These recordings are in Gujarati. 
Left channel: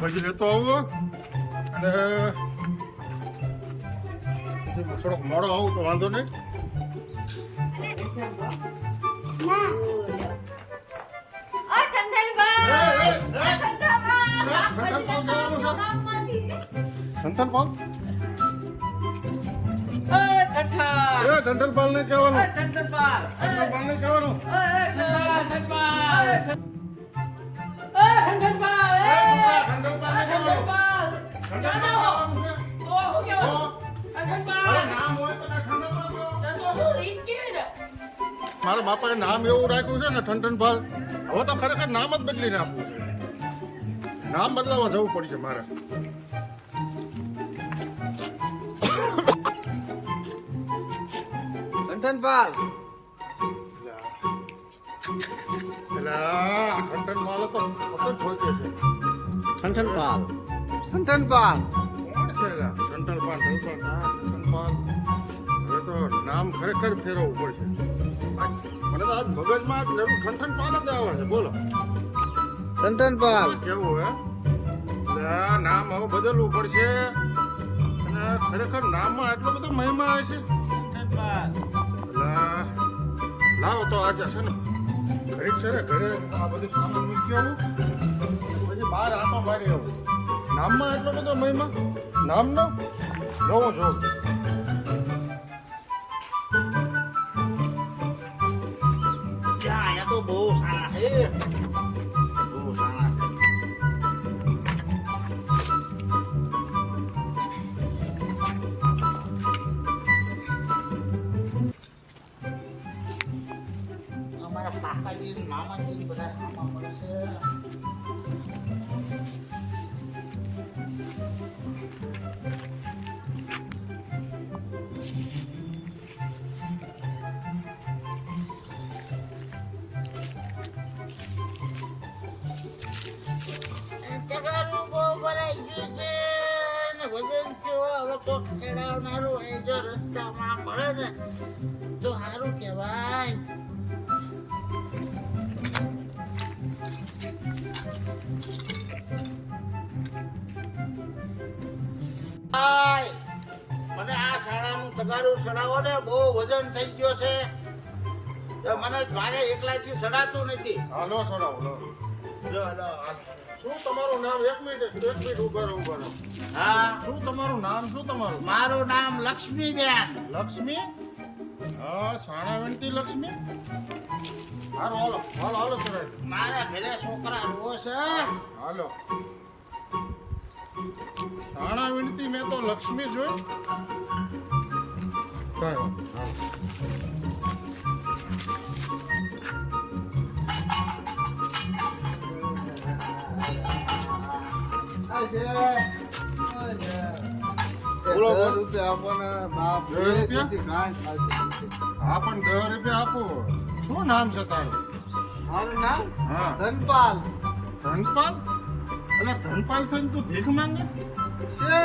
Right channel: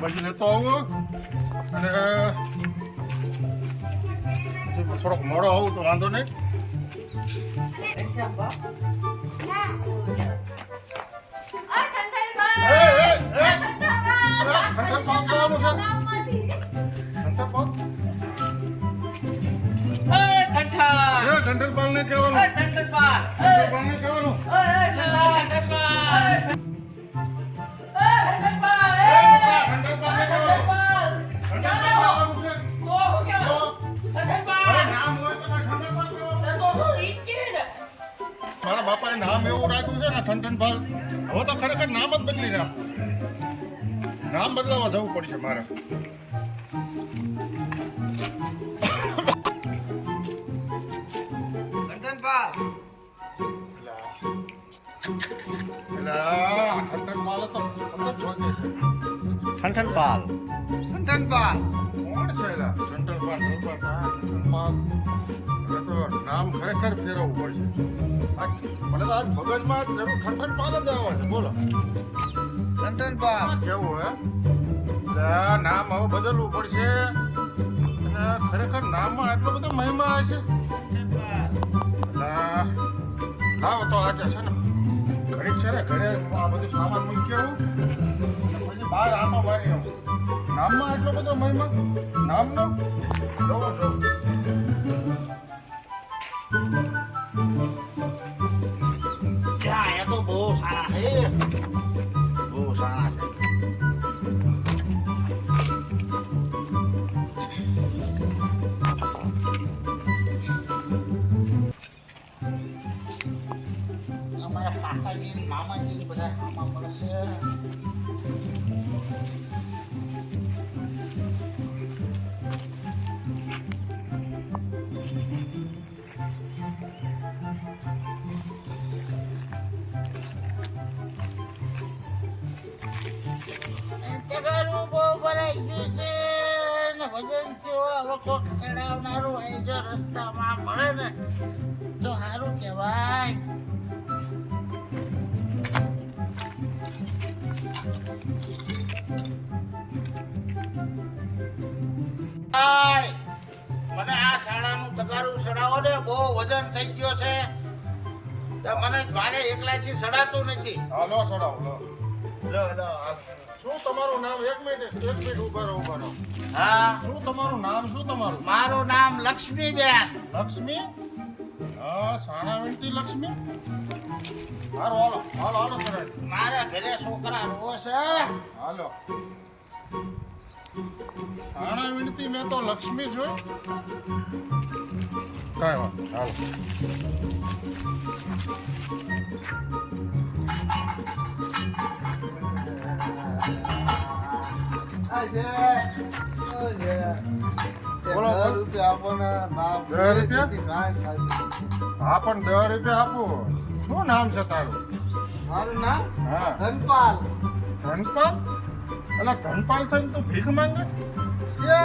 પછી લેતો આવું અને પછી થોડોક મોડો આવું તો વાંધો નહીં. ઠંઠન પાલ કહેવાનું છે. ઠંઠન પાલ ઠંઠન પાલ ને કહેવાનું. ઠંઠન પાલ ને કહેવાનું. મારા બાપાએ નામ એવું રાખ્યું છે ને ઠંઠન પાલ. હવે તો ખરેખર નામ જ બદલીને આપવું છે. નામ બદલાવા જવું પડશે મારે. ઠંઠન પાલ ઠંઠન પાલ ઠંઠન પાલ કોણ છે એલા? ઠંઠન પાલ ઠંઠન પાલ. હવે તો નામ ખરેખર ફેરવવું પડશે. મને તો આજ મગજમાં જરૂર ઠંઠન પાલ જ આવે છે. બોલો ઠંઠન પાલ કેવું હે? નામ હવે બદલવું પડશે અને ખરેખર નામમાં આટલો બધો મહિમા છે. લાવો તો આજે છે ને ઘડીક છે ને ઘરે આ બધું સામાન મૂકી આવું પછી બહાર આટો મારી આવું. નામમાં એટલો બધો મહિમા નામનો જોવો જો. એ તો બહુ સારા છે, બહુ સારા છે. અમારા કાકાજી મામાજી બધા આમાં મળે છે. તગારું બહુ ભરાઈ ગયું છે ને વજન છે. હવે કોક ચડાવનારું એ જો રસ્તામાં મળે ને તો સારું કહેવાય. મને આ શાળાનું તગારું ચડાવો ને બહુ વજન થઈ ગયો છે. તો મને મારે એકલાથી ચડાતું નથી. હાલો છોડાવો લો. શું તમારું નામ? એક મિનિટ ઉભા રહો. હા, શું તમારું નામ? શું તમારું? મારું નામ લક્ષ્મીબેન. લક્ષ્મી? હા, સાણા વિનતી લક્ષ્મી. હાલો હાલો હાલો હાલો કરાય. મારા ઘરે છોકરા રો છે. હાલો. સાણા વિનતી મેં તો લક્ષ્મી જોઈ. કાંઈ વાંધો હાલો. બોલો, બોલો. 10 રૂપિયા આપો ને. 10 રૂપિયા? હા પણ 10 રૂપિયા આપો. શું નામ છે તારું? મારું નામ હા ધનપાલ ધનપાલ. એટલે ધનપાલ થઈને તું ભીખ માંગે છે.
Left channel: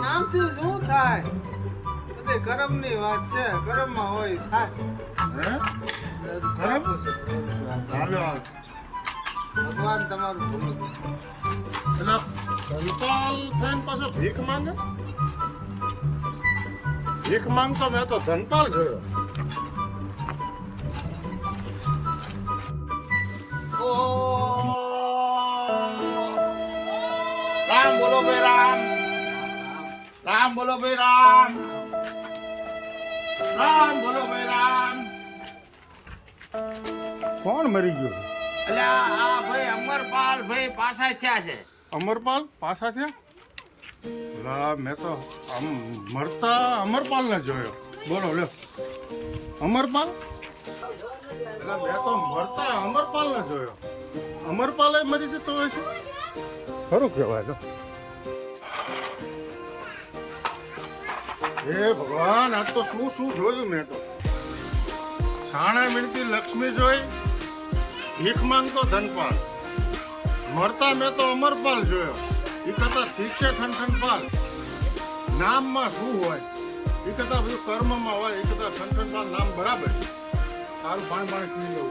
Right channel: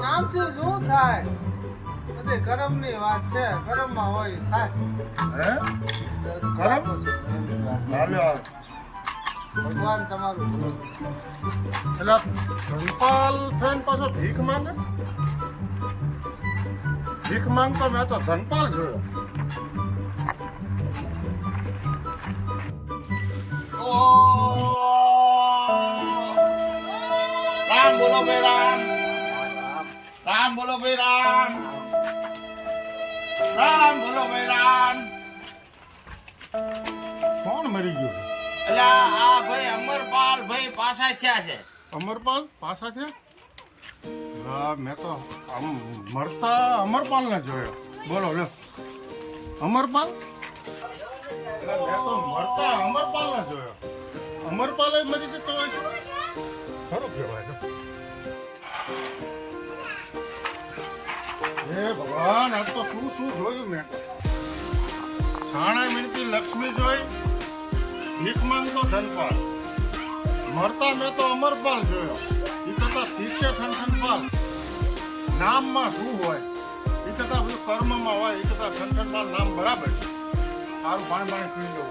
નામથી શું થાય? બધી કરમની વાત છે. કરમમાં હોય થાય. હે? કરમ? હાલો હાલો. ભગવાન તમારું ભલું કરે. એટલે ધનપાલ થઈને પાછો ભીખ માંગે? ભીખ માંગતો મેં તો ધનપાલ જોયો. રામ બોલો ભાઈ રામ. રામ બોલો ભાઈ રામ. રામ બોલો ભાઈ રામ. કોણ મરી ગયું? એટલે આ ભાઈ અમરપાલ ભાઈ પાછા થયા છે. અમરપાલ પાછા થયા? હા મેં તો મરતા અમરપાલ ને જોયો. બોલો લ્યો. અમરપાલ? એટલે મેં તો મરતા અમરપાલ ને જોયો. અમરપાલ મરી જતો હોય છે? ખરું કહેવાય તો. હે ભગવાન, આજ તો શું શું જોયું મેં તો. સાણા મિલતી લક્ષ્મી જોઈ, ભીખ માંગતો ધનપાલ, મરતા મેં તો અમરપાલ જોયો. એ કરતા ઠીક છે ઠનઠનપાલ, નામમાં શું હોય એ કરતા બધું કર્મમાં હોય. એ કરતા ઠનઠનપાલ નામ બરાબર છે. સારું પાણી પી લઉં.